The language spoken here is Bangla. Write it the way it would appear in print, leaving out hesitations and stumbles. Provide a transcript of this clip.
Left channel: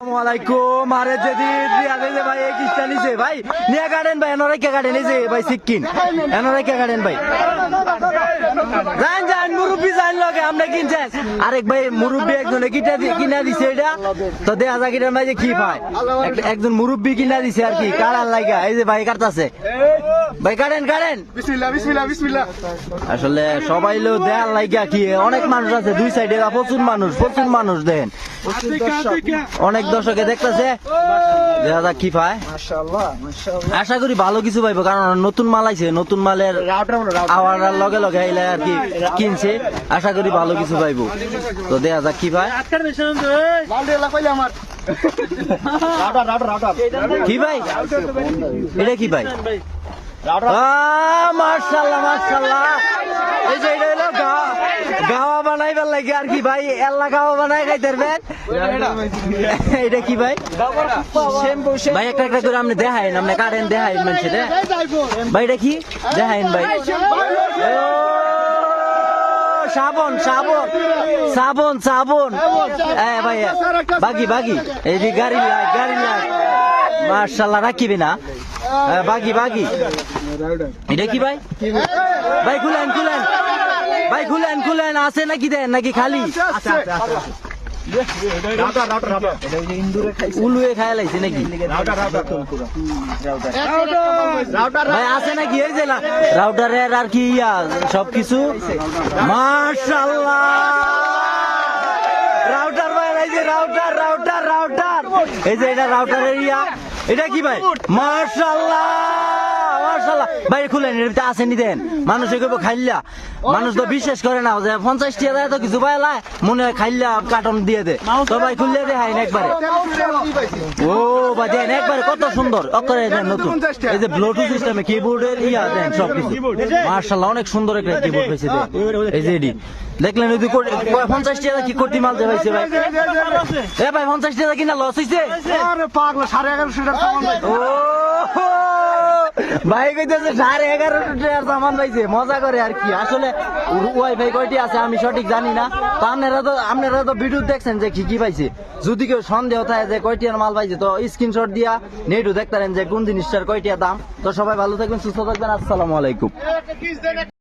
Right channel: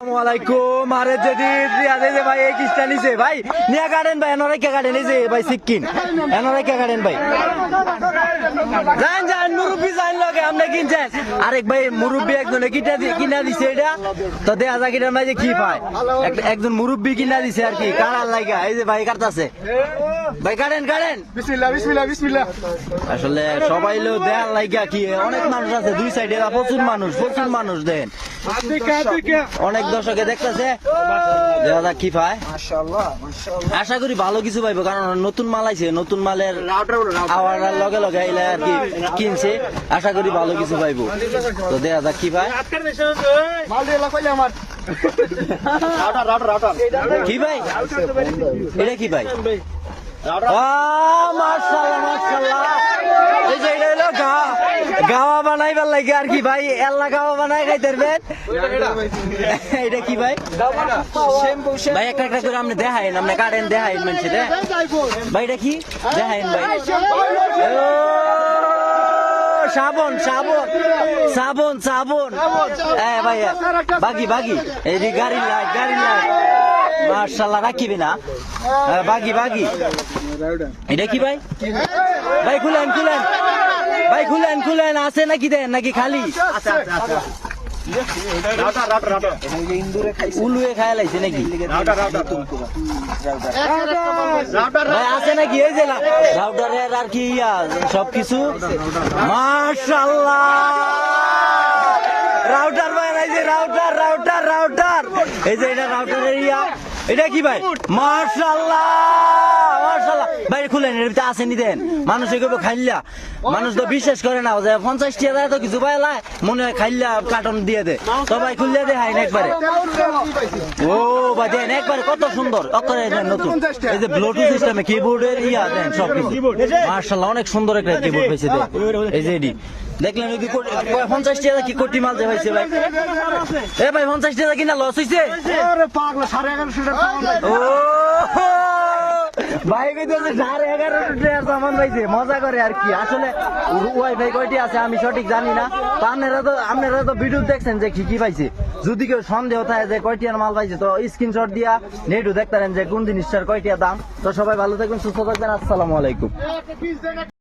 আসসালামাইকুম আরে যদি রিয়াদে যে ভাই এক স্টাইল নিছে ভাই নিয়া গার্ডেন ভাই এনরে কে গার্ডেন নিছে ভাই সিকিম এনরে কে গার্ডেন ভাই জান জান মুরব্বি জান লগে আমরা কিনছেন আরেক ভাই মুরব্বি একজনে কিনা দিছে এটা তো দেখা যায় কিনা ভাই যে কি পায় একজন মুরব্বি কিনা দিছে আর কি কারার লাগা এই যে ভাই কাটতাছে ভাই গার্ডেন গার্ডেন বিসমিল্লাহ বিসমিল্লাহ বিসমিল্লাহ। আসলে সবাই লো দেয়ার লাগা কি অনেক মানুষ আছে দুই সাইডে প্রচুর মানুষ দেন অনেক দর্শকে দেখতেছে দাদা কি পায় আশা করি ভালো কিছু পাইবো কারণ নতুন মাল আইছে নতুন মালের আওয়ার লগে লগে আইলে আর কি কিনছে আশা করি ভালো কিছু পাইবো তো দেখা যাক কি পায় কি ভাই এটা কি ভাই মাশাআল্লাহ মাশাআল্লাহ এই যে এটা হলো গাওয়া বানাইবার লাগে আর কি ভাই এল্লা গাওয়া বানাই খাইতে এটা কি ভাই ভাই একটা একটা করে আপনি দেখাইন আপনি কারেন্ট দেখাইন মানুষ ভাই এটা কি দেখাইন ভাই সাবন সাবন সাবন সাবন ভাই বাগি এই যে গাড়ি লাগ মাশাআল্লাহ রাখিবে না বাগি এটা কি ভাই ভাই খুলেন ভাই খুলেন আছে নাকি দেন নাকি খালি উলুয়ে খাওয়া লাগছে নাকি ভাই আছে নাকি ওই যে রাউটারের আর কি সবকিছু মাশাআল্লাহ রাউটার ভাই এই যে রাউটার এই যে এটা রাউটারের এটা কি ভাই মাশাআল্লাহ মাশাআল্লাহ ভাই খুলেন এটা আসেনি দেন মানুষ এগুলো খাইলা মানুষ তো বিশ্বাস করে না যে 50 টাকা তো কিছু পাইলা মনে খাইলা কার্টন দিয়ে দে তো ভাই খুললে দে হাই একবারে ও ভাই দেন একবারে কত সুন্দর অক্ষরে দেন নতুন এই যে ব্লুটুথ সিস্টেমে কিবোর্ডের দেন সব কিছু মাশাআল্লাহ অনেক সুন্দর একটা কিবোর্ড পেয়েছে দেন এই যে এডি দেখলেন যদি 50 টাকা কি কোটি মাল দেওয়া হয়েছে ভাই এ ভাই 50 টাকা কিনা লস হয়েছে আরে পাগলা 1150 টাকা ও ভাই কইতেছে 1150 টাকা সামান পাইছে মজা করে আর কি আসলে ওয়াইফাই কয়টি আছে আমি সঠিক জানি না তো আপনারা তো ভিডিও দেখছেন যে কি পাইছে যদি কেউ সন্দেহ থাকে যে কয়টিয়ার মাল পাইছে তো স্ক্রিনশট দিয়া নেটও দেখতে পারেন যে কোন জিনিসটার কয়টিয়া দাম তো সবাই ভালো থাকবেন সুস্থ থাকবেন আসসালামু আলাইকুম।